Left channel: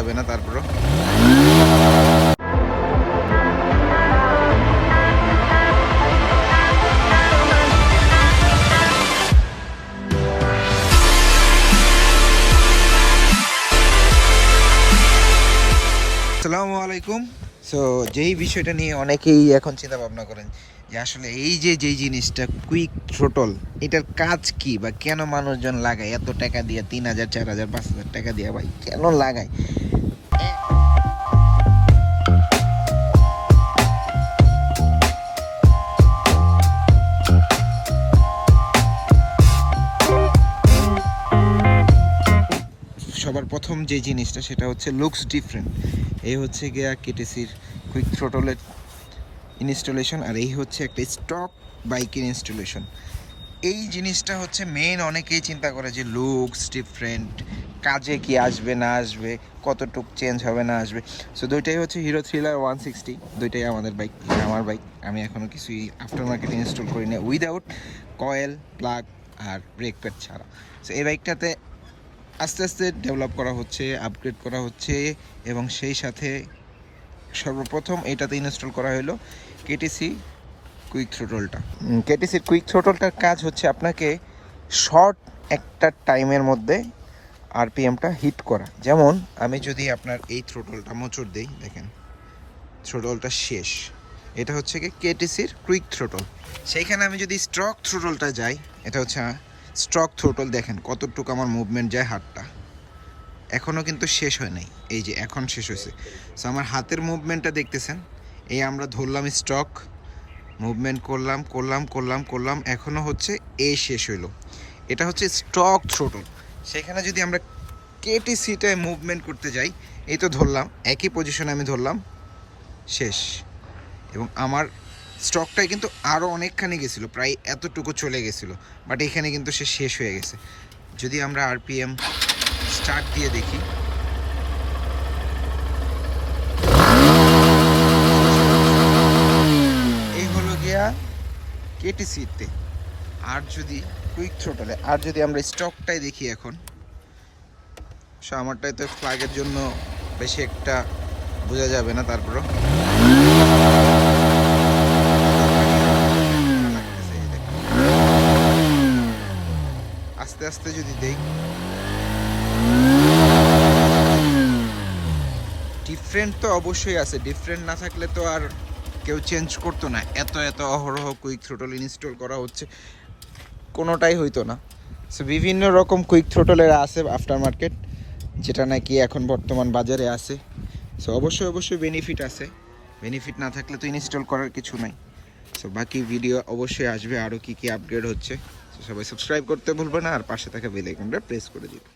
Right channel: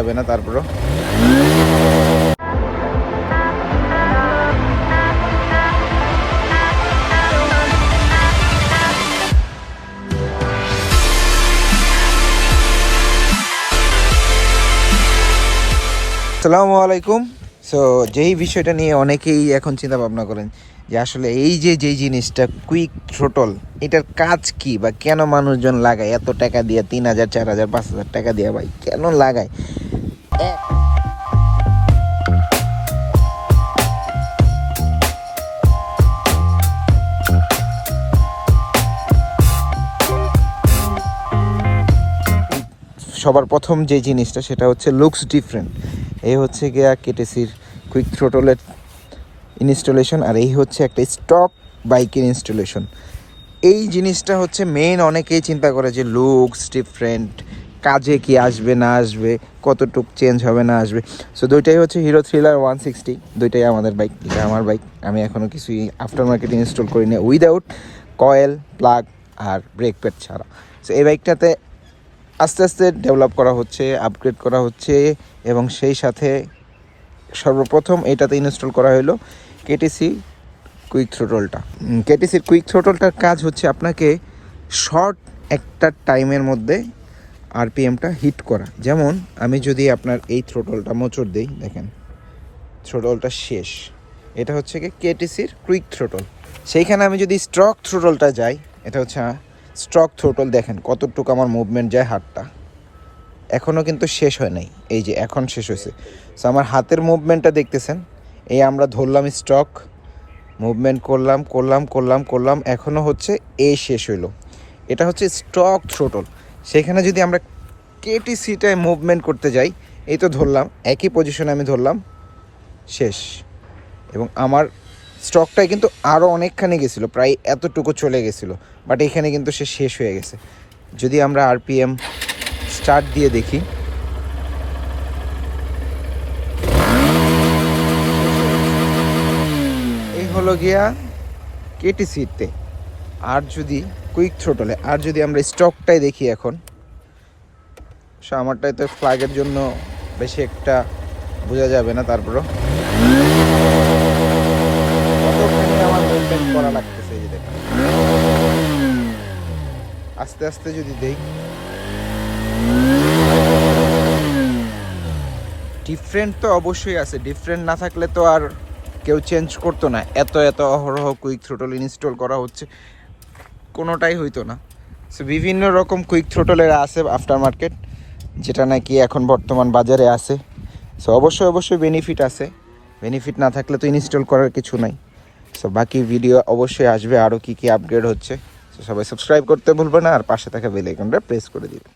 যাবে না তারপরও। আসসালামু আলাইকুম। সো যেই বিষয়টা নিয়ে অনেকেই এখন চিন্তা ভাবনা করেন যে আসলে এই যেই জিনিসটা কুইক থ্রোটল, এটার কাজ কি বা কেন মানুষজন লাগায় এত টাকা দিয়ে, 3,000 4,000 5,000 টাকা দিয়ে, ভাই কেন লাগায়? সবার প্রথম যে জিনিসটা সেটা হচ্ছে লুকস ডিফারেন্ট। এই হচ্ছে গিয়া কেটিসির কুইক থ্রোটলের ইনস্টলেশন, আর এই হচ্ছে একটা স্টক বাইকের ইনস্টলেশন। এই জিনিসটা হচ্ছে মেইন, অনেকেই চিন্তা করে যে লুকস ডিফারেন্ট, কাজে কি আসবে না আসবে, কতটুক চেঞ্জ হবে না আসবে। সো দুইটাই হচ্ছে হিরো থ্রিলার 160, দুইটাই আমাদের বাইক, এটা আমার বাইক। আমি এখনও কিছুই আফটার মার্কেট ইনস্টল করি না উইদাউট কয়েল, প্লাগ আর ব্রেক প্যাড ছাড়া। সো এই বাইকটাতে আস্তে আস্তে ডেভেলপ করা হচ্ছে, আপগ্রেড করা হচ্ছে, এবং সেই সাথে সর্বপ্রথম এটাতে ইনস্টল করা হলো কেটিসি কুইক থ্রোটলটা। কেটিসির কুইক থ্রোটলটার কাজ হচ্ছে আপনাকে শর্ট একটা টাইমের মধ্যে আরপিএমটা হিট করা। যেমন আমি যদি আপনার এই থ্রোটলটা মোচড় দিই, দেখেন থ্রোটলটা শেষ। এটা হচ্ছে কি কেটিসির কুইক থ্রোটল। সেইখানে আমি যদি স্ট্রক থ্রোটলটা যাই, এটা হচ্ছে স্ট্রক থ্রোটল। দেখেন কতটুকু আমার মুভমেন্ট যায় হাতটা, এখনও কিন্তু শেষ হয় নাই, এই যে এখন শেষ হয়েছে। সো আমার হাতের মুভমেন্টটা দেখতেছেন, এই আমরা ধরলাম স্টক, মুভমেন্ট করলাম, এখনও হচ্ছে এই শেষ হইলো। এটা হচ্ছে স্টক থ্রোটল। সেখানে যদি আমরা কেটিসিটায় মুভমেন্ট করতে যাই, এই তো ধরলাম, একই পজিশনে আমি ধরলাম, শেষ। এবং আমার স্টকটাই কিন্তু আরও অনেকখানি গেছিলো, প্রায় এতটুকু চলে গেছিলো, বাট এখানে কিন্তু সে শেষ হয়ে গেছে। যদি আমরা আরপিএম স্টার্ট দিয়ে দেখি, এই হলো গিয়া কেটিসিতে। আর যদি কুইক থ্রোটলে, আর যদি আমরা স্টকটাই দেখি এখন, সো আমারটাই তো ফ্ল্যাগের জন্য বেশি একটা বোঝা যাবে না, তারপরও করা লাগতেছে। এই দেখেন আস্তে আস্তে যদি দেই, ডিফারেন্ট তো অবশ্যই আছে, ডিফারেন্ট না থাকলে তো আর কেউ চেঞ্জ করতো না। এত অহরহ কুইক থ্রোটল ইনস্টল করা হচ্ছে, কোনোটাই হইতো না। সো বিভিন্ন রকম কুইক থ্রোটলের আছে আফটার মার্কেট, যেটা নাকি এখন বর্তমান বাজারে আছে। সো অবশ্যই বেনিফিট আছে, বেনিফিট না থাকলে তো ইনস্টল করার কিছু নাই। সো বাকি ভিডিও অবশ্যই আসবে, আরও কী আপগ্রেড হচ্ছে। সো সবাই সাবস্ক্রাইব করতে ভুলবে না, আর পাশে থাকা বেল আইকনটা প্রেস করে দিবে।